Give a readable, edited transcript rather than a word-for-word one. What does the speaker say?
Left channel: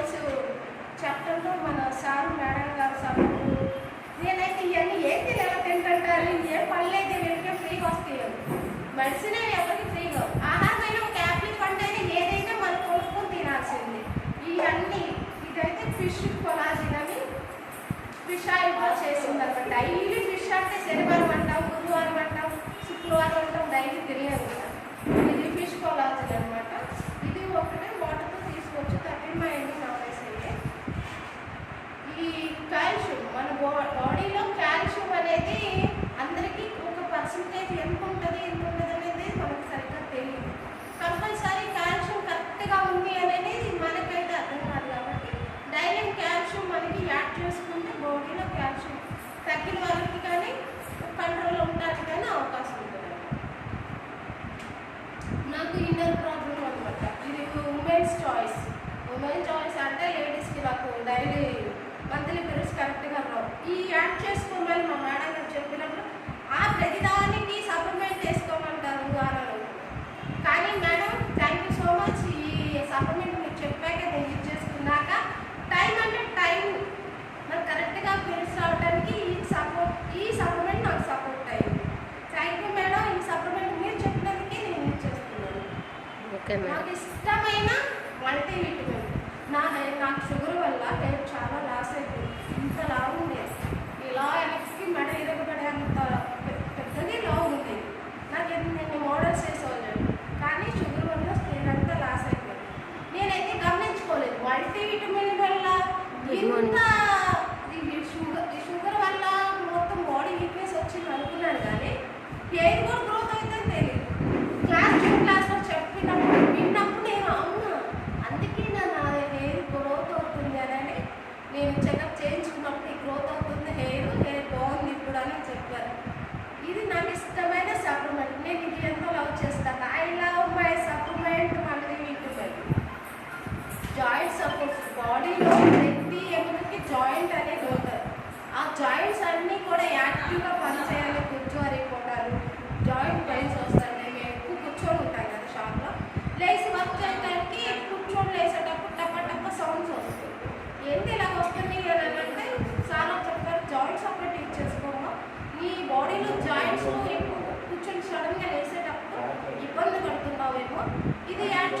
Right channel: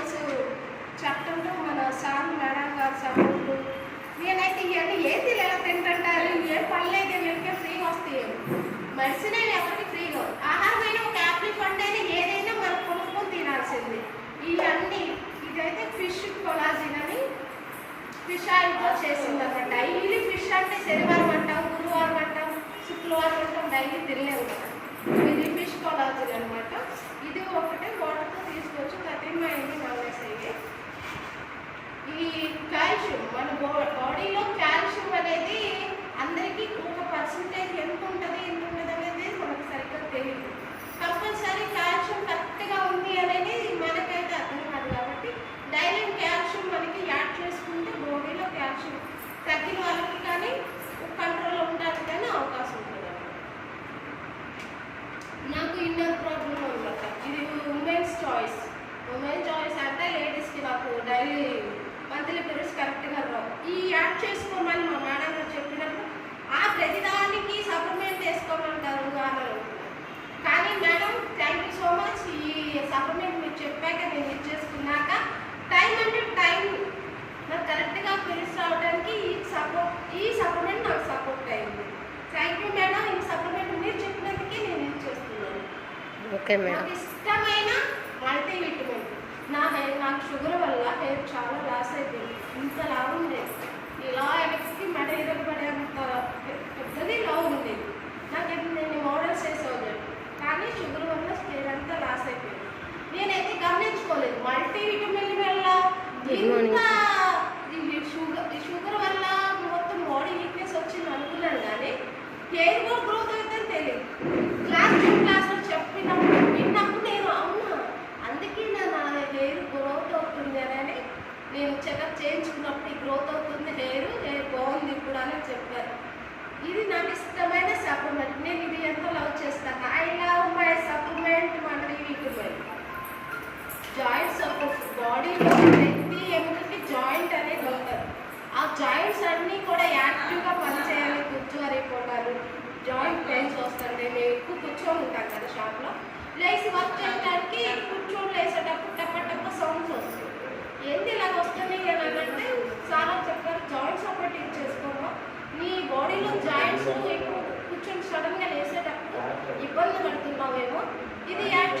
Hormones చట్టంలో మన sir madam గారు సపోర్టు. నేనైతే ఇవన్నీ ఏది ఎలా తింటుంటారు, ఏ పళ్ళు అయితే వీళ్ళకే ఫ్రీగా వస్తాయి. మెడిసిన్ ఎవరికి ఫ్రీగా, ఆహారమైన ఒక యాపిల్ పండు అయినా ఏదైనా మనం కొనుక్కొని తినాల్సింది. ఇవన్నీ ఇదైతే ఫిష్ కొలాజిన్ అని ఫిష్ ఆయిల్తో చేసింది అనమాట. డైలీ ఫిష్ అంటే శనివారం అంటాం, గురువారం అంటాం, శుక్రవారం అంటాం, డైలీ తినలేము కదా. ఇది ఫిష్ కొలాజిన్ అనమాట. ఇది ఒకటే వాటర్తో తీసుకోవచ్చు. 30 నవలేస్ అయ్యే. ఈ కాల్షియం మన బాడీలో కాల్షియం అనేది అందరికీ ఒక పర్సంటేజ్ ఎంత ఉంటుంది అనేది మనకు సరిగ్గా తెలియదు. కంపల్సరీ కాల్షియం కరెక్ట్గా ఉంది అనేది మనకైతే అర్థం కాదు. కాబట్టి డైలీ కాల్షియం మనకి యాడ్ చేసుకుంటే బాడీలో కాల్షియం తగ్గిన వాళ్ళకి కానీ కంట్రోల్లో ఉండడానికి కానీ అవకాశం ఉంటుంది. నాకు ఇన్నర్ ప్రాబ్లం అనమాట. ఇది ఉమెన్స్ చాయిస్. ఉమెన్ చాయిస్ అంటే లేడీస్కి నాకు డైలీ మంత్లీ పీరియడ్స్ కరెక్ట్గా రావు. ఈ యాడ్ చేసుకోమని మా మేడం గారు చెప్పినప్పుడు ప్రతిదానికి సప్లిమెంట్ వేసుకోమంటారు అని అనుకున్నాను. కానీ madam thank you so much. ఈ సప్లిమెంట్ మీరు చెప్పాక నేను యూజ్ చేసుకున్నాక టైం అంటే టైం నాకు కరెక్ట్గా పీరియడ్స్ రావడానికి ఈ సప్లిమెంట్ నాకు సపోర్ట్ అయింది. Thank you madam. ఈ సప్లిమెంట్ మీరు చెప్పినందుకే నేను యూజ్ చేస్తున్నాను. Okay madam. నాకు ఇష్టమైన మల్టీవిటమిన్. నాకు షుగర్ వల్ల హెయిర్ చాలా లాస్ అయిపోయింది. ఇంత లావు ఉండేది, ఇలా వెనక్కి మడ ఇరగబడే అంత పెద్దది లావు ఉండేది. నాకు నేను మోడల్స్ వేసేవాళ్ళు, కానీ షుగర్ వల్ల హెయిర్ అంతా లాస్ అయిపోయింది. నేనైతే గమనించుకోలేదు మల్టీవిటమిన్ వల్ల ఇంత షుగర్ వల్ల మొత్తం బాడీ వీక్నెస్ వచ్చింది అనుకున్నాను. కానీ హెయిర్ కూడా గ్రోత్ అవుతుందని తెలియదు. క్లాస్లో చెప్పినప్పుడు విన్నప్పుడు నేను అవును అందుకే నా హెయిర్ గ్రోత్ అవుతుంది అని నేను చెకప్ చేయించుకున్నప్పుడు గ్రోత్ అవుతుంది, హెయిర్ బాగుంది ఇప్పుడు అని చెప్పారు. ఇది నాకు ఇష్టమైన సప్లిమెంట్. నేను ఇది ఎంతో లవ్ చేస్తాను. I love my supplement multivitamin. Joint support. బాడీలో ప్రతి ఎముకకి జాయింట్ అనేది ఉంటుంది. ఆ జాయింట్స్ అన్నీ కూడా యాక్టివ్గా పనిచేయాలి. కూర్చోరిపోతారు, జాయింట్ పెయిన్స్ వస్తాయి. మేము ఎక్కువ కూర్చొని ఉంటాం కదా షాప్లో. లేచి వర్క్ చేయడానికి కూర్చొని లేసేటప్పుడు టప్ప సౌండ్స్ వస్తాయి. ఏంటి ఇలా వస్తున్నాయి అని అంటే చాలా చెప్పారు జాయింట్స్ సపోర్ట్ యూజ్ చేసుకోవడం. మీ బాడీలో జాయింట్స్ ఎక్కువ కూర్చొని సడన్గా లేసేటప్పుడు ఇబ్బంది పడుతున్నామేమో ఇది యాడ్